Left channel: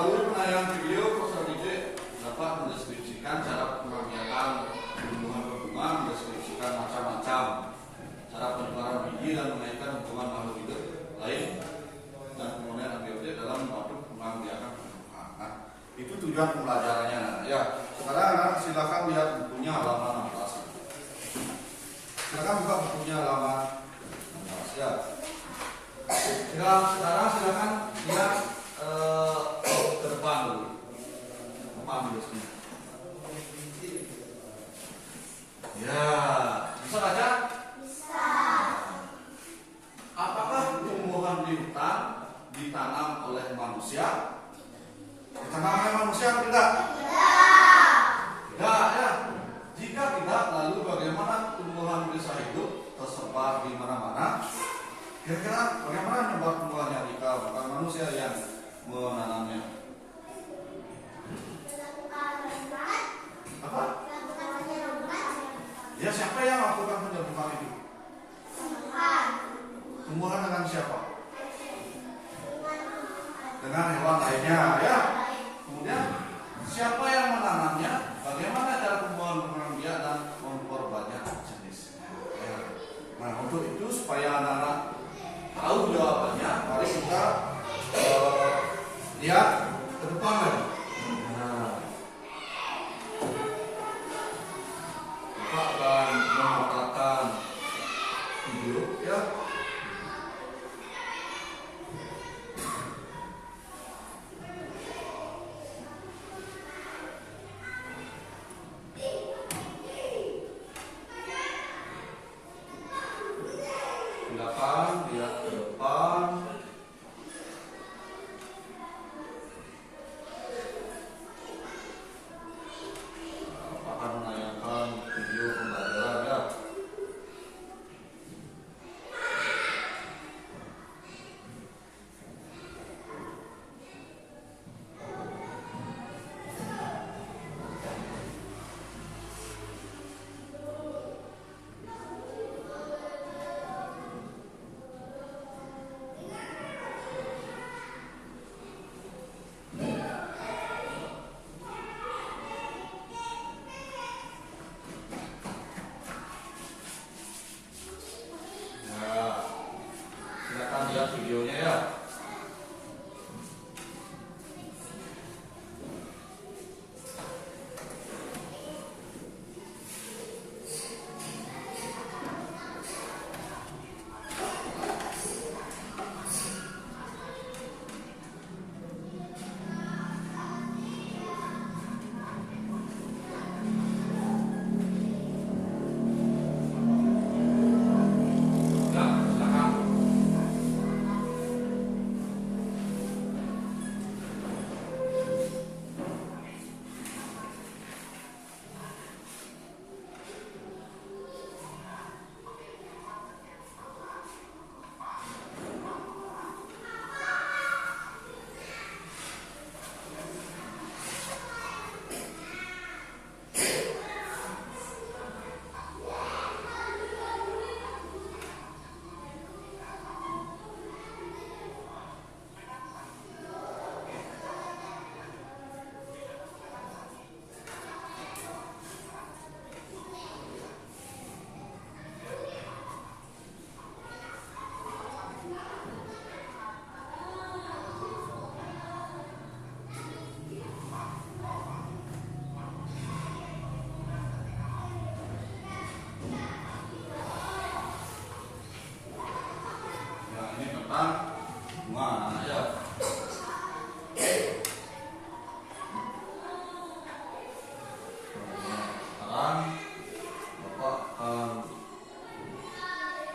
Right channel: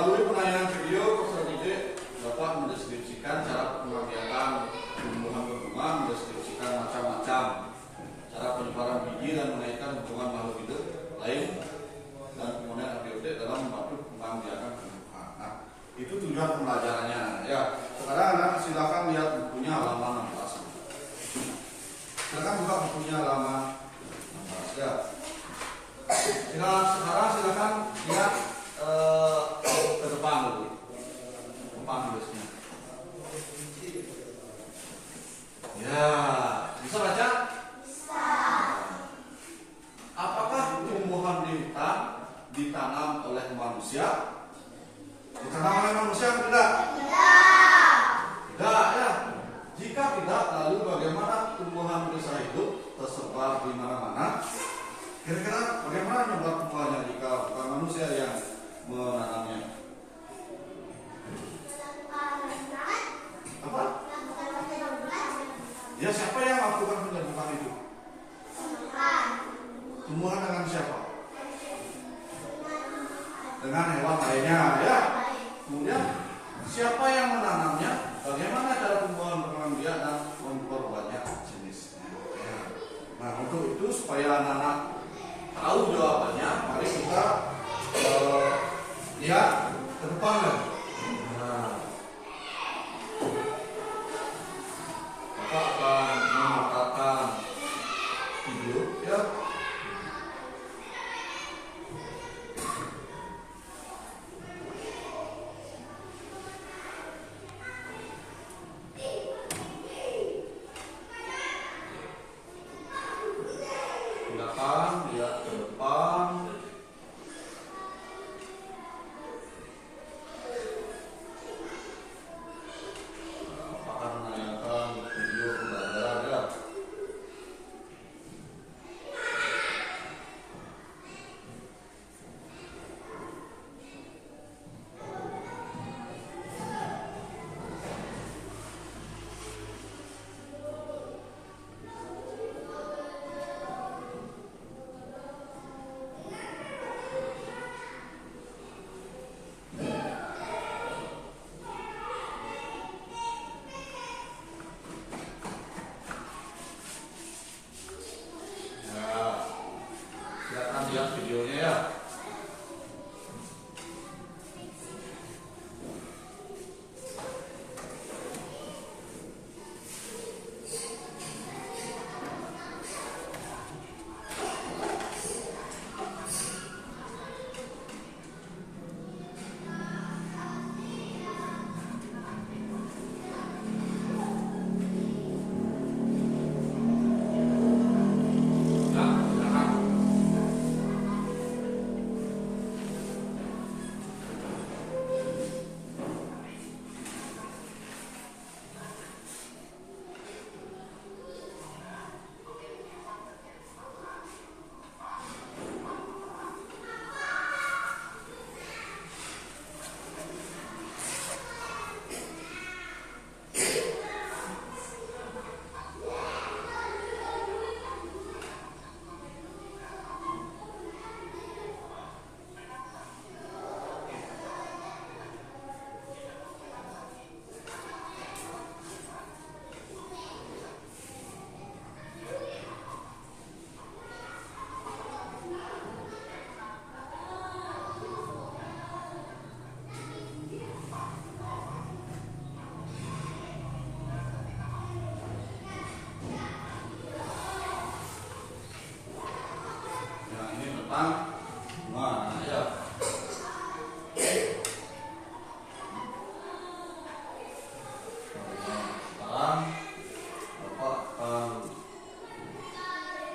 Melalui penayangan video, peserta didik dapat mendeskripsikan cara pemakaian tumbuhan berbunga, mendeskripsikan macam-macam cara penyebaran biji dan mengaitkan hubungan makhluk hidup lain dan komponen abiotik dalam membantu pengambilan tumbuhan. Nah, itu tujuan pembelajarannya. Ya, sekarang anak silakan lihat bukunya halaman 16. Silakan buka bukunya halaman 16 ya. Sekarang silakan lihat ke depan dulu. Depan dulu sini. Ya, bisa baca? Bisa. Apakah tumbuhan di hutan ditanam oleh manusia? Ditanam oleh manusia atau tidak? Tidak. Tidak ya. Jika tidak, lalu bagaimana tumbuhan bisa hidup tersebar di mana-mana? Kira-kira bagaimana membuat tumbuhannya jika bukan manusia yang menanamnya? Apa? Ya, siapa yang melakukan penyebutan itu? Tumbuhan dengan siapa? Dengan hewan lainnya ya. Kemudian siapa yang menanamnya? Bagaimana cara tumbuhan berkembang biak dan memperbanyak jenisnya? Nah, untuk itu supaya anak-anak tahu jawabannya, mari kita lihat ke depan. Nah, kita akan memutarkan video ya. Silakan lihat ke depan. Akan menayangkan video pembelajaran ya. Lihat videonya ya. Bunga ya. Sekarang Bapak akan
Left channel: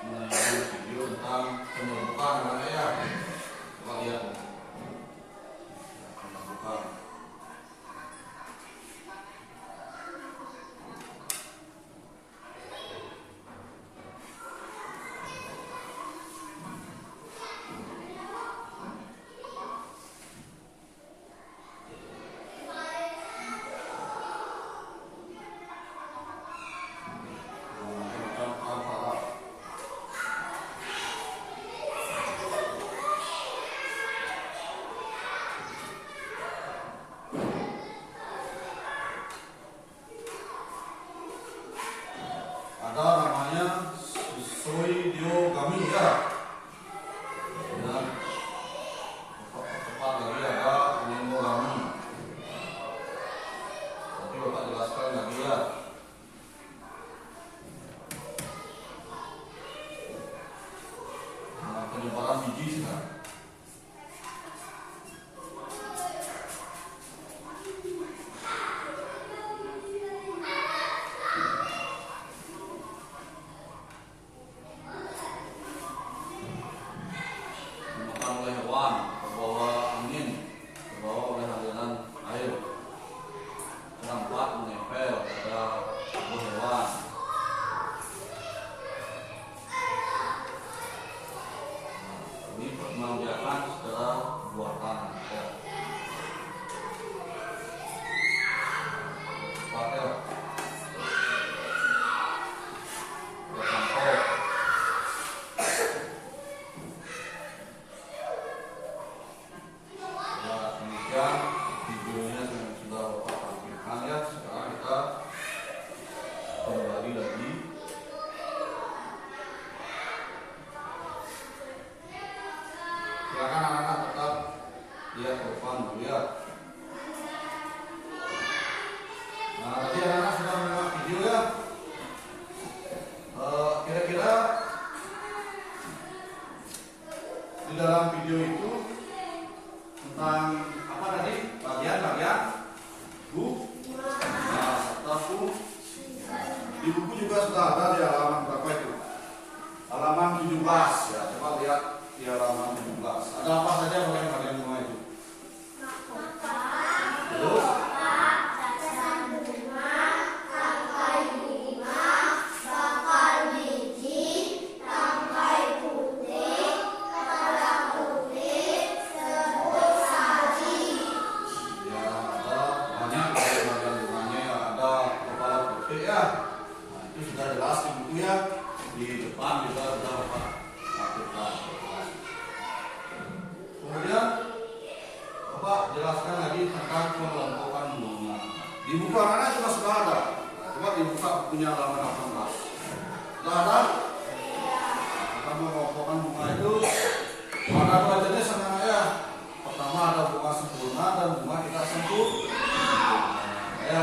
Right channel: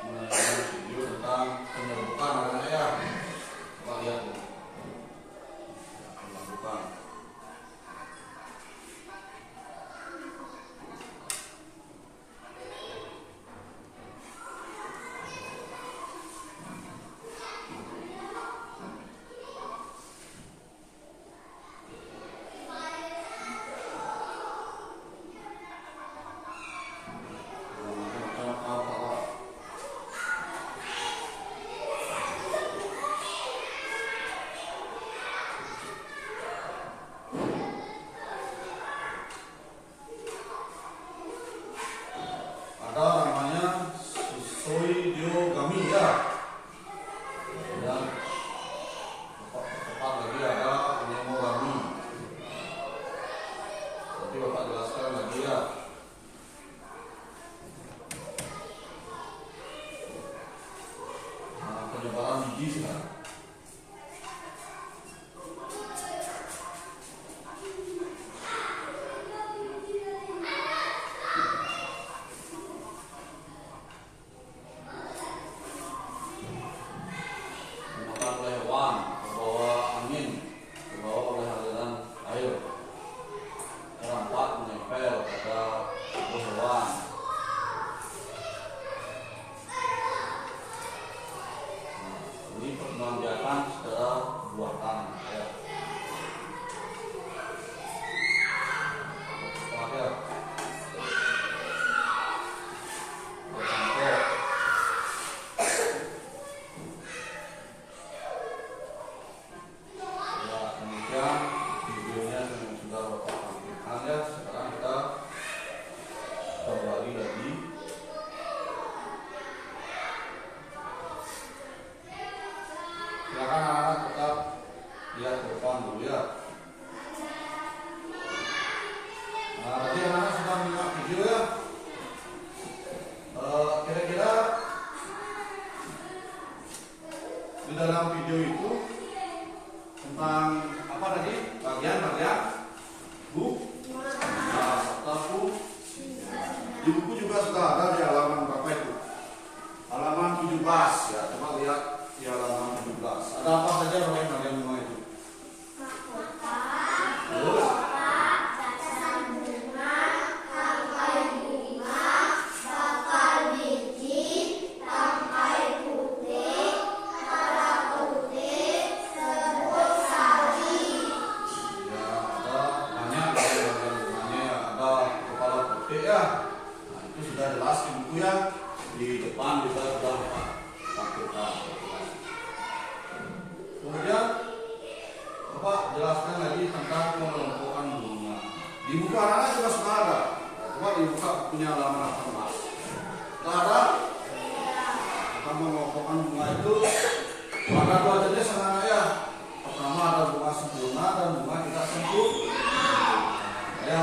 menayangkan video tentang penyerbukan anak ya. Bapak lihat penyerbukan. biji sekarang. Dimakan oleh hewan, terbawa angin, terbawa oleh aliran air. Keempat, menempel pada tubuh hewan. Ini perkembangbiakan secara buatan. Ya. Pakai contoh. Ya, kemudian videonya sudah Bapak tampilkan ya. Sekarang kita kembali lagi. Silakan anak-anak tetap lihat ke depan dulu ya. Nah, tadi anak-anak sudah menyimak video ya. Kira-kira di dalam video itu tentang apa tadi? Bagian-bagian buku. Nah, buku di buku juga sudah ada di halaman berapa itu? Halaman 17 ya. Coba lihat di halaman 17. Ada apa saja bagian-bagian bunga itu? Terus ya, ada banyak bagian bunganya ya. Ada kepala putih ya. Nah, itu sudah jelas di buku ya. Di depan juga sudah tampilkan. Kemudian Bapak jelaskan lagi tentang pengelompokan bunga. Di buku anak-anak juga sudah ada. Coba dibuka bukunya halaman 18. Sudah ada? Tentang pengelompokan bunga itu ada dua jenis anak-anak ya. Pertama ada bunga sempurna dan bunga tidak sempurna. Ya.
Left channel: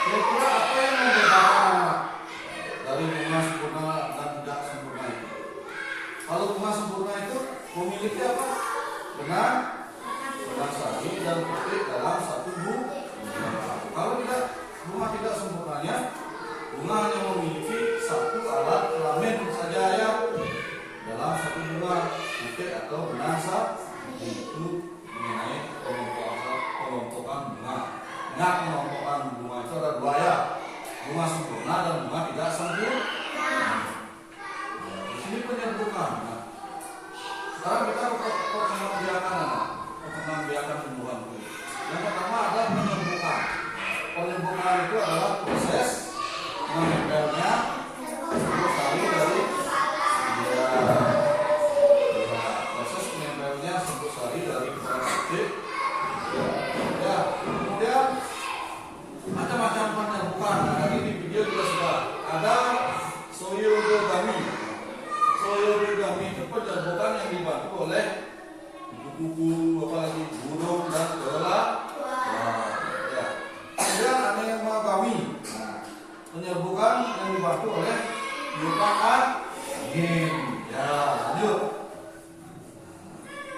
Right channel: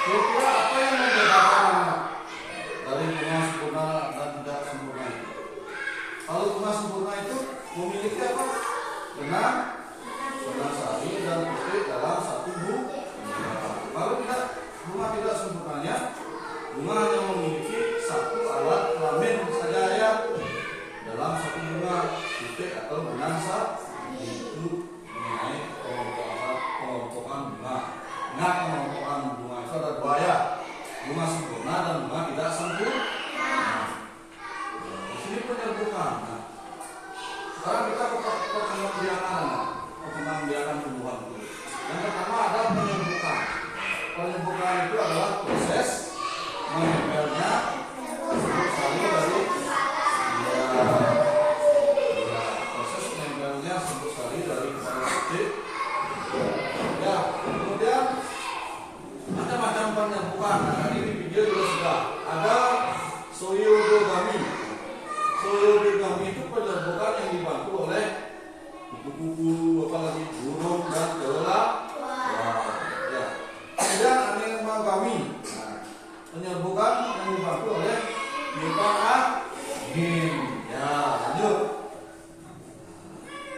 Kira-kira apa yang membedakan anak dari bunga sempurna dan tidak sempurna itu? Kalau bunga sempurna itu memiliki apa? Benang sari dan putih dalam satu bunga. Kalau tidak, bunga tidak sempurnanya, bunga hanya memiliki satu alat kelamin saja ya dalam satu bunga, putih atau benang sari. Itu mengenai pengelompokan bunga. Ingat, pengelompokan bunga itu ada dua ya, bunga sempurna dan bunga tidak sempurna. Di sini penyebutan. Sekarang kita perkembangbiakan tumbuhan kulit. Yang pertama ada penyembuhan. Penyembuhan itu adalah proses menempelnya serbuk sari dari proses menempelnya serbuk sari dari kepala putih. Ya, kemudian macam-macam penyembuhan. Nah, tadi di video juga sudah ada soyodogami. Soyodogami itu penyerbukan yang dibantu oleh kupu-kupu, apalagi burung dan kelelawar. Ya. Kemudian anemogami. Nah, penyerbukan yang dibantu oleh bintang angin. Ya, lanjut.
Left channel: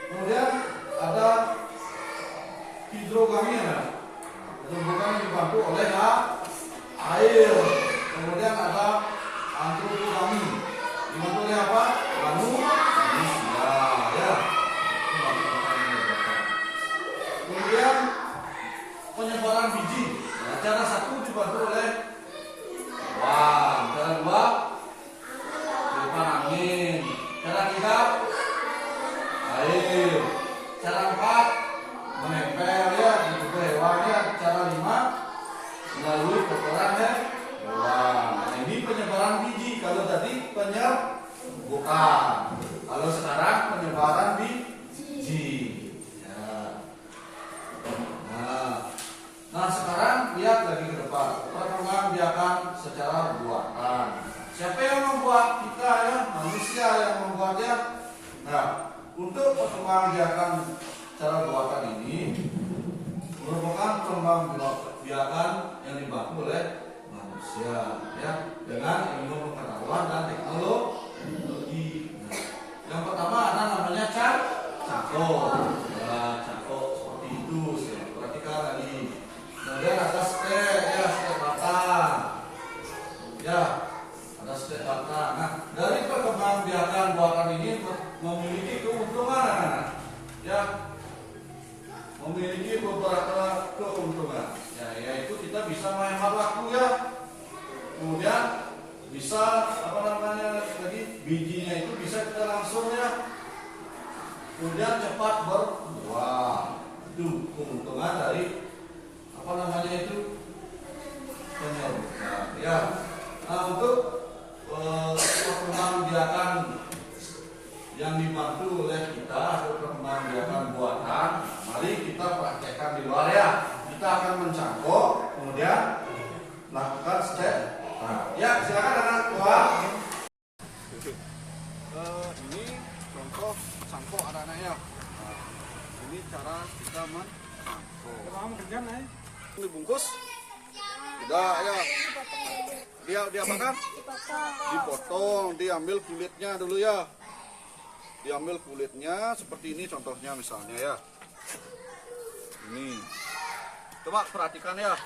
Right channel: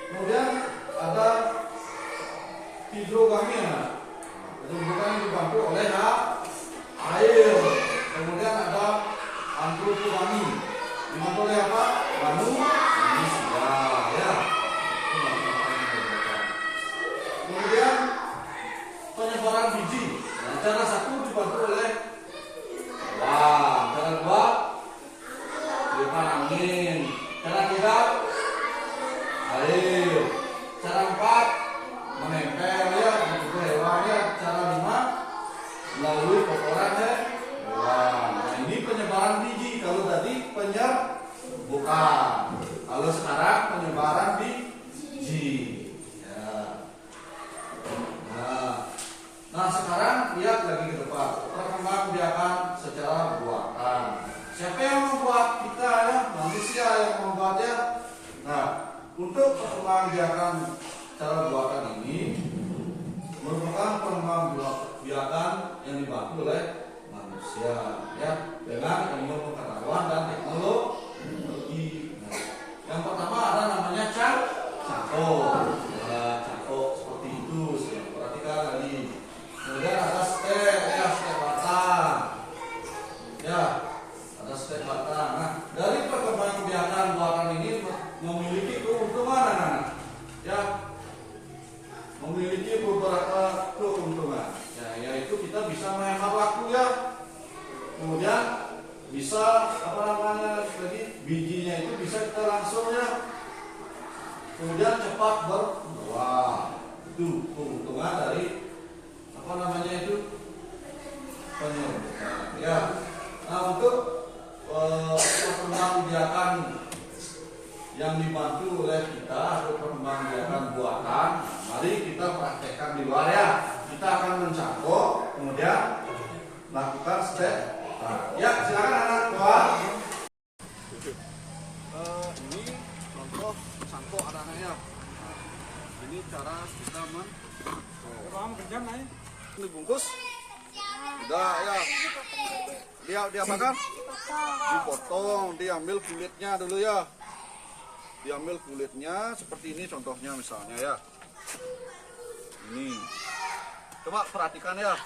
Kemudian ada hidrogami. Nah, penyerbukan yang dibantu oleh air. Kemudian ada antropogami. Dibantu oleh apa? Manusia. Ya. Kemudian penyebaran biji. Nah, cara satu dibantu oleh cara dua tiupan angin, cara tiga air, cara empat menempel ya di tubuh hewan ya, cara lima melalui kotoran hewan. Nah, ini penyebaran biji. Kalau tadi penyerbukan, kalau sekarang penyebaran biji. Nah, sekarang lihat lagi ke depan. Perkembangbiakan secara buatan. Siapa yang membuat kita ya? Manusia yang membuatnya. Nah, untuk perkembangbiakan cara buatan ini merupakan perkembangbiakan yang dibantu oleh manusia ya, dengan ilmu pengetahuan dan teknologi. Nah, memiliki keuntungan, ya, memiliki beberapa keuntungan, ya, yaitu kita bisa menghemat waktu, ya, kemudian bisa apa namanya lagi, bijinya itu bisa kita langsung, ya, kemudian cepat berbuah. Itu keuntungan dari apa namanya itu penyerbukan, ya. Nah, untuk perkembangbiakan yang dibantu oleh kita untuk perkembangbiakan buatan, mari kita praktekkan di luar, ya. Kita akan mencangkok, kemudian lakukan step. Nah, ya, silakan anak tua. Ini contoh cangkok anak-anaknya. Nah, ini cara kita mencangkok. Dibungkus. Sudah, ya. Dia apakan? Dipotong, diambil kulitnya dulu, ya. Diambil kulitnya seperti ini contohnya misalnya, ya. Ini. Coba perhatikan, ya.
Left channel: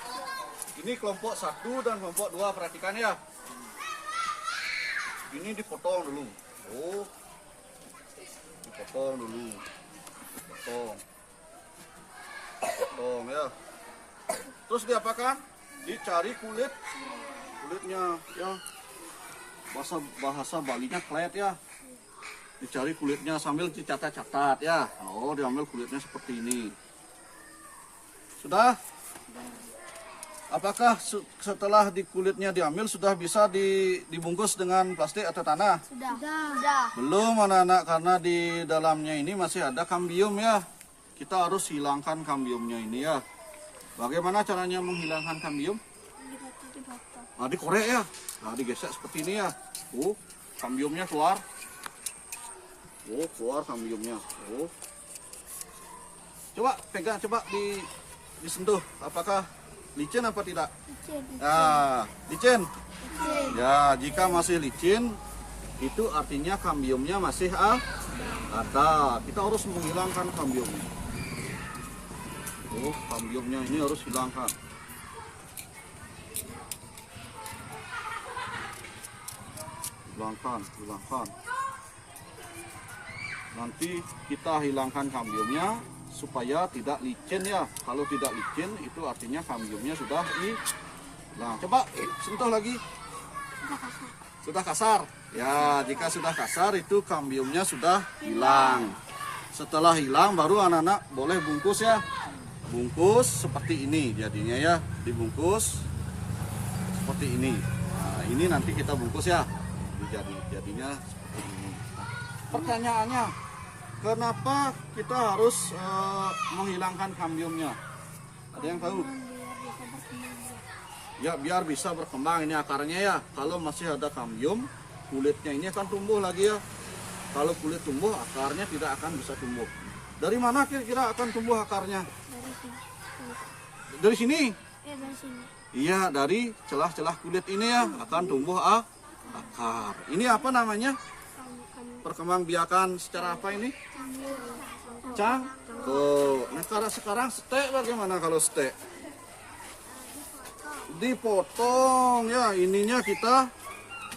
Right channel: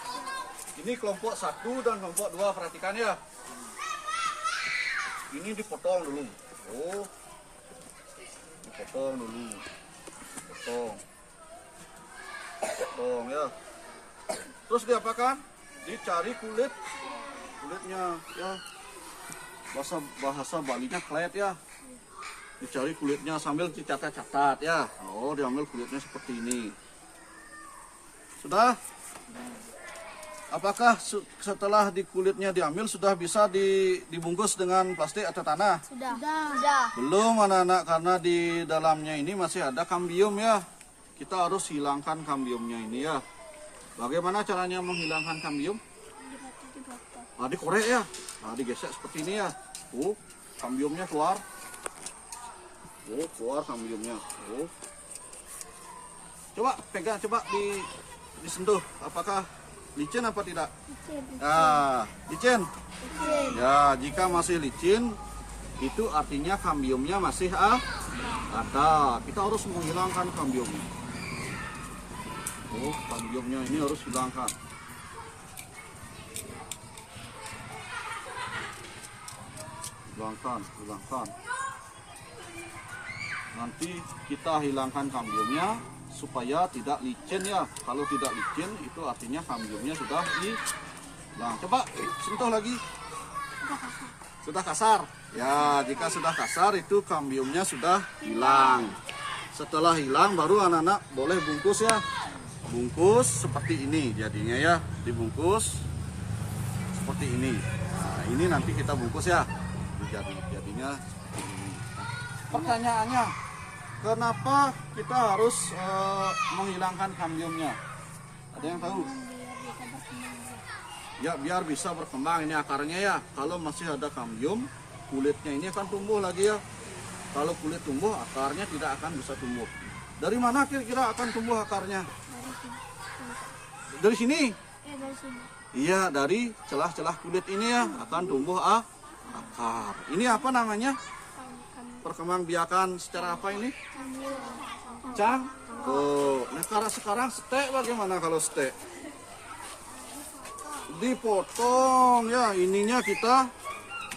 Ini kelompok 1 dan kelompok 2, perhatikan, ya. Ini dipotong dulu. Oh. Dipotong dulu. Potong, ya. Terus diapakan? Dicari kulitnya, ya. Bahasa Balinya klet, ya. Dicari kulitnya sambil dicatat-catat, ya. Oh, diambil kulitnya seperti ini. Sudah? Apakah setelah di kulitnya diambil sudah bisa dibungkus dengan plastik atau tanah? Sudah. Belum, anak-anak, karena di dalamnya ini masih ada kambium, ya. Kita harus hilangkan kambiumnya ini, ya. Bagaimana caranya menghilangkan kambium? Nah, dikorek, ya. Nah, digesek seperti ini, ya. Oh, kambiumnya keluar. Oh, keluar kambiumnya. Oh. Coba pegang, coba disentuh. Apakah licin apa tidak? Licin. Nah, licin. Ya, jika masih licin, itu artinya kambiumnya masih ada. Kita harus menghilangkan kambiumnya. Oh, kambiumnya ini harus hilangkan. Hilangkan. Nanti kita hilangkan kambiumnya supaya tidak licin, ya. Kalau tidak licin itu artinya kambiumnya sudah hilang. Coba sentuh lagi. Sudah kasar. Ya, jika sudah kasar itu kambiumnya sudah hilang. Setelah hilang baru anak-anak boleh bungkus, ya. Bungkus seperti ini jadinya, ya. Dibungkus seperti ini. Nah, ini nanti kita bungkus, ya. Jadinya seperti ini. Nah, pertanyaannya, kenapa kita harus menghilangkan kambiumnya? Ada yang tahu? Ya, biar bisa berkembang ini akarnya, ya. Kalau masih ada kambium, kulitnya ini akan tumbuh lagi, ya. Kalau kulit tumbuh, akarnya tidak akan bisa tumbuh. Dari mana kira-kira akan tumbuh akarnya? Dari sini? Iya, dari celah-celah kulit ini, ya, akan tumbuh akar. Ini apa namanya? Perkembangbiakan secara apa ini? Cangkok. Nah, sekarang stek bagaimana kalau stek? Dipotong, ya. Ininya kita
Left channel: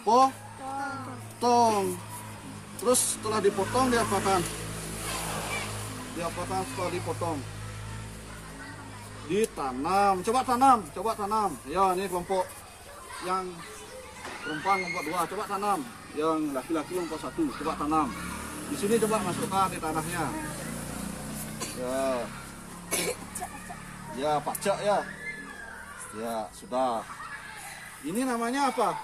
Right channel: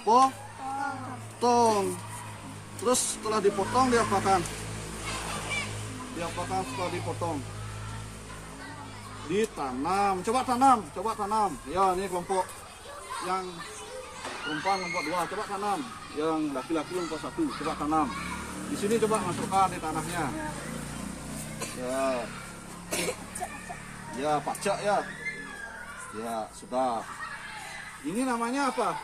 potong. Terus setelah dipotong diapakan? Setelah dipotong? Ditanam. Coba tanam. Ya, ini kelompok yang perempuan kelompok 2, coba tanam. Yang laki-laki kelompok 1, coba tanam. Di sini coba masukkan di tanahnya. Ya, pacak, ya. Ya, sudah. Ini namanya apa?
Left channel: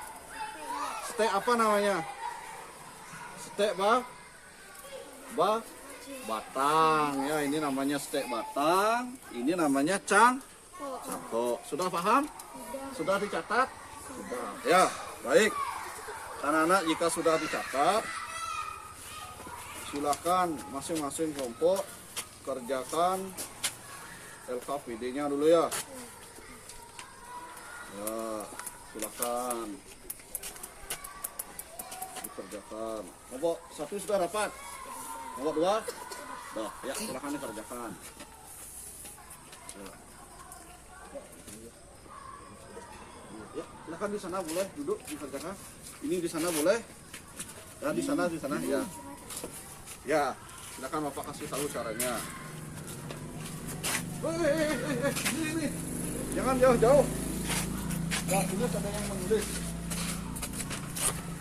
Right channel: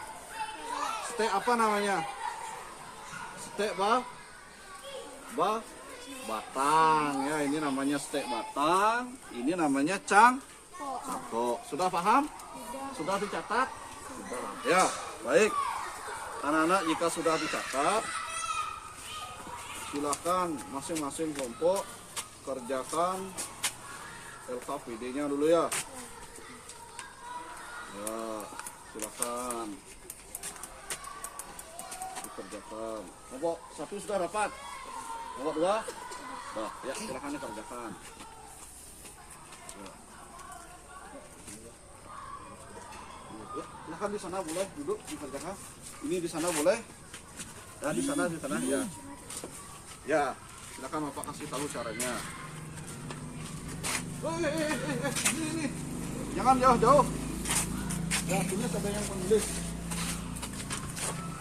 Stek apa namanya? Stek batang, ya. Ini namanya stek batang. Ini namanya cangkok. Sudah paham? Sudah dicatat? Sudah. Ya, baik. Anak-anak, jika sudah dicatat, silakan masing-masing kelompok kerjakan LKPD-nya dulu, ya. Ya, silakan dikerjakan. Kelompok 1 sudah dapat. Kelompok 2? Nah, ya, silakan dikerjakan. Ya. Ya, silakan di sana boleh duduk dikerjakan. Ini di sana boleh. Ya, di sana ya. Ya, silakan Bapak kasih tahu caranya. Ini. Jangan jauh-jauh. Ya, sini ada yang menulis.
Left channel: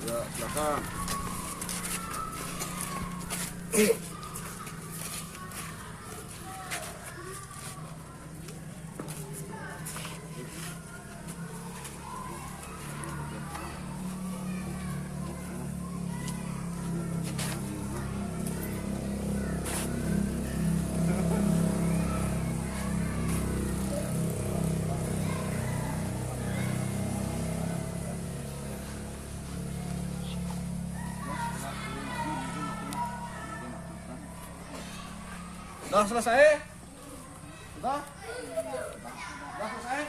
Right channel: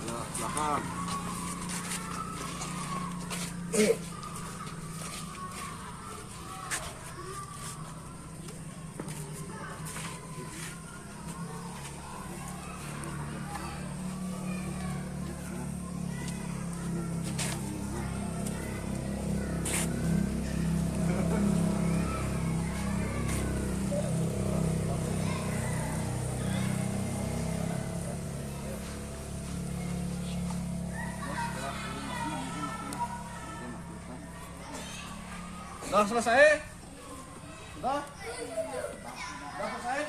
Ya, silakan. Sudah selesai? Sudah? Sudah selesai?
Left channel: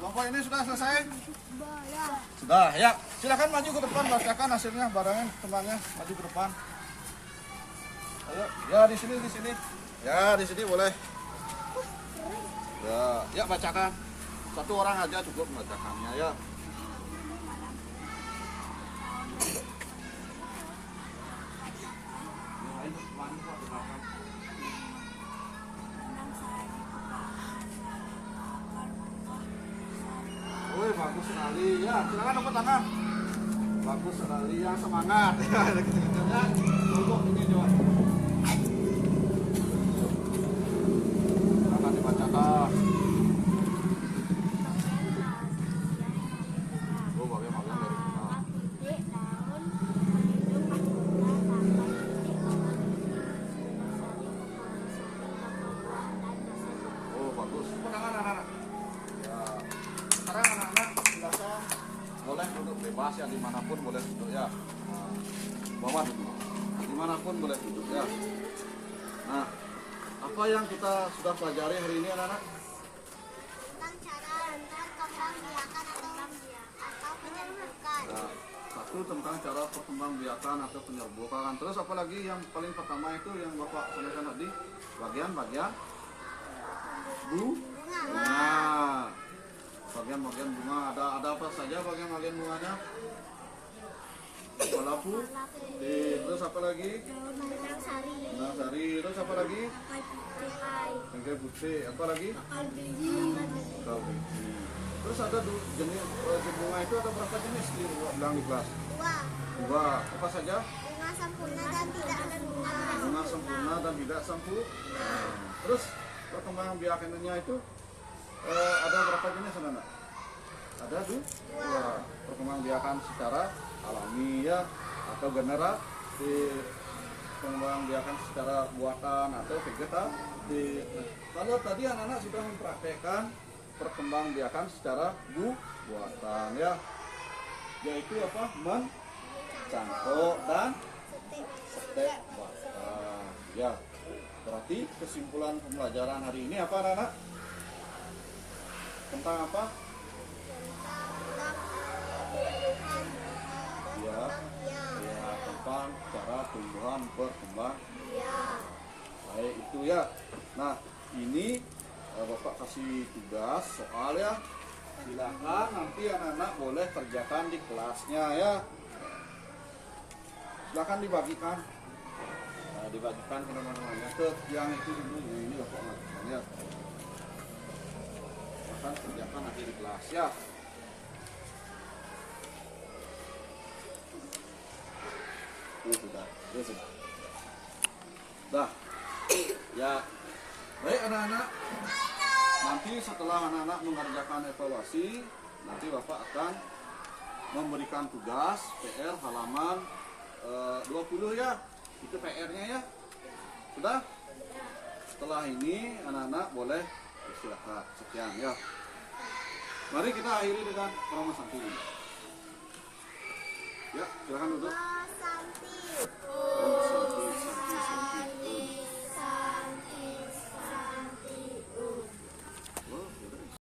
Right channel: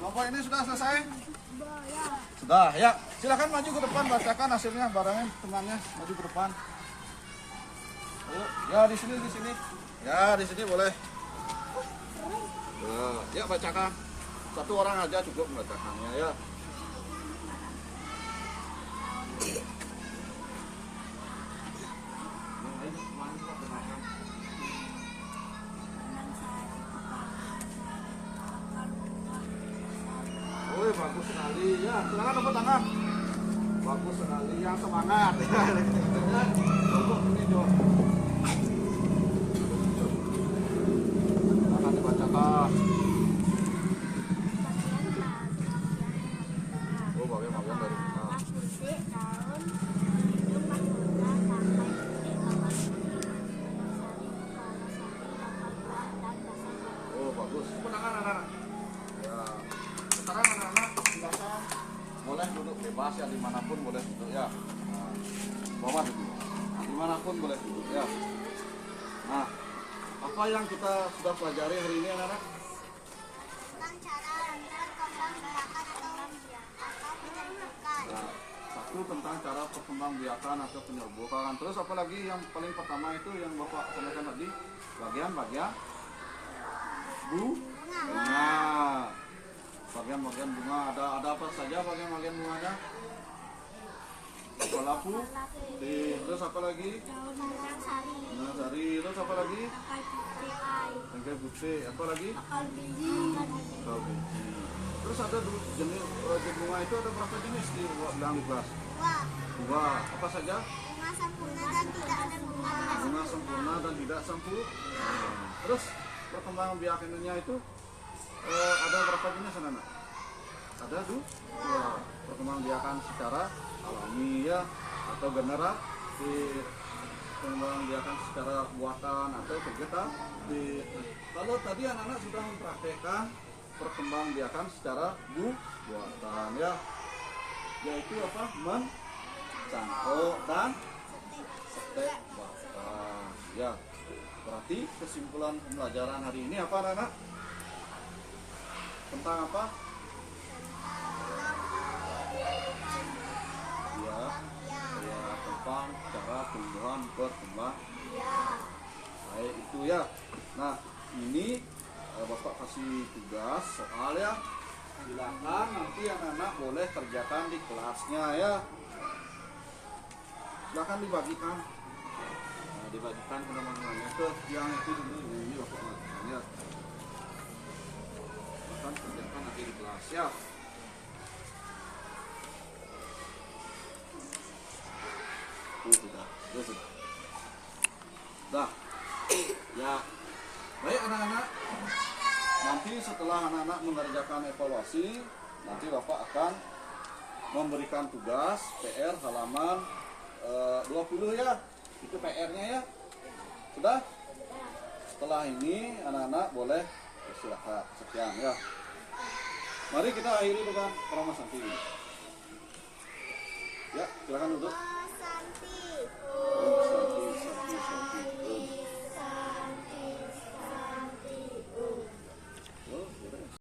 Kelompok ini sudah selesai? Sudah, ya. Silakan maju ke depan, bacakan hasilnya barangnya, temannya maju ke depan. Ayo, ya di sini, di sini. Ya, di sini boleh. Ya, ya bacakan. Satu orang aja cukup membacakannya ya. Woi, bagus sekali ya. Silakan tepuk tangan. Bagus sekali, yang semangat ya. Ya, duduk ini coba. Silakan dibacakan. Oh, bagian dari kita. Oh, bagus. Tepuk tangan anak-anak. Ya. Sekarang anak-anak silakan boleh duduk bebas ya, dimanapun boleh duduk ya. Nah, bawah duduk, dimanapun boleh duduk ya. Nah, apa yang kita sudah pelajari hari ini anak-anak? Tentang cara perkembangbiakan atau penyerbukan. Nah, satu tentang cara perkembangbiakan atau penyerbukan. Terus apa lagi yang paling pertama itu yang Bapak sampaikan tadi? Bagian-bagian bunga. Bagian-bagian bunga, ada apa saja bagian-bagian bunganya? Kepala putih, terus apa lagi? Benang sari, terus apa lagi? Tangkai putih, apa lagi? Bakal biji. Terus ada jenis bunga itu ada berapa jenis di bilang di kelas? Dua. Apa saja? Bunga sempurna dan tidak sempurna. Bunga sempurna dan tidak sempurna. Terus perkembangan biakannya itu ada berapa jenis anak-anak? Ada dua. Perkembangbiakan secara alami ya, atau generasi. Perkembangbiakan secara buatan atau vegetatif. Kalau tadi anak-anak sudah mempraktekkan perkembangbiakan secara buatan ya, yaitu apa? Mencangkok dan setek batang ya. Berarti kesimpulan pembelajaran hari ini apa anak-anak? Tentang apa? Ya, tentang cara tumbuhan berkembang. Baik itu ya. Nah, ini Bapak kasih tugas soal ya. Silakan nanti anak-anak boleh kerjakan di kelasnya ya. Silakan dibagikan. Nah, dibagikan ke teman-temannya ke yang itu dulu ini Bapak lihat. Silakan kerjakan nanti di kelas ya. Sudah. Dah. Ya. Baik anak-anak. Nanti setelah anak-anak mengerjakan evaluasi, nanti Bapak akan memberikan tugas PR halaman 20 ya. Itu PR-nya ya. Sudah? Setelah ini anak-anak boleh istirahat. Sekian ya. Mari kita akhiri dengan promo santuy. Ya, silakan duduk.